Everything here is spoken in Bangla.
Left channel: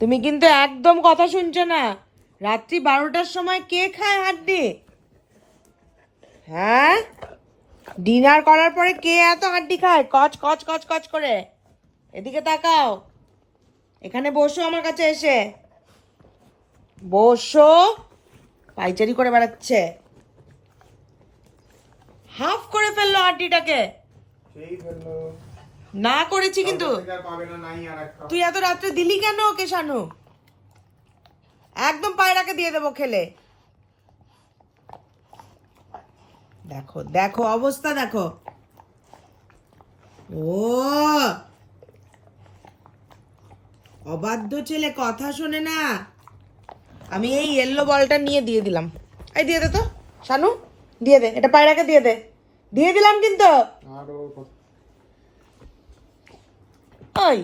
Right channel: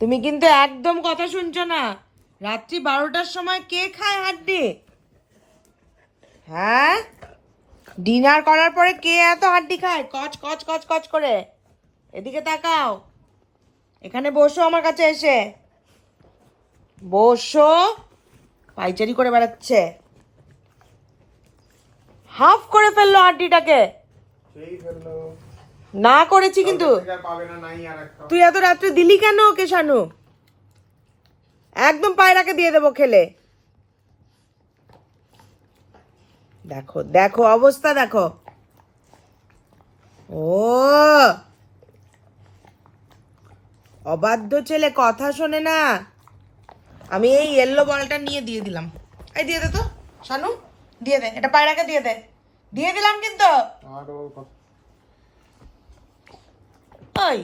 তুমি কিন্তু একদম কথা শুনছো না। রাত্রি 12টার সময় কে খায় হাড্ডি? হ্যাঁ, ডিনার করার পরে কে এত হাড্ডি খায় কচ কচ কচ কচ করে? এদিকে তাকাও, এখানে বসো আমার কাছে এসে বসো। পাইচারি করে বেড়াচ্ছে, হাফ করে ফেললো হাড্ডিটাকে। না করেছি কিন্তু। তুই এত রাত্রে দিলি কেন ওকে শানু? একদম পায়রাকে দিয়ে দেবো খেলে। দেখো দেখো অবস্থা দেখো। ও অবাধ্য ছেলে, কথা শোনে না। আমি এই ইয়েলো বলটা নিয়ে দিয়ে দিলাম। এই দিয়ে দে তো শানু, দিয়ে দে, এটা পায়রাকে দিয়ে দে। দিয়ে দিলাম কিন্তু। ওই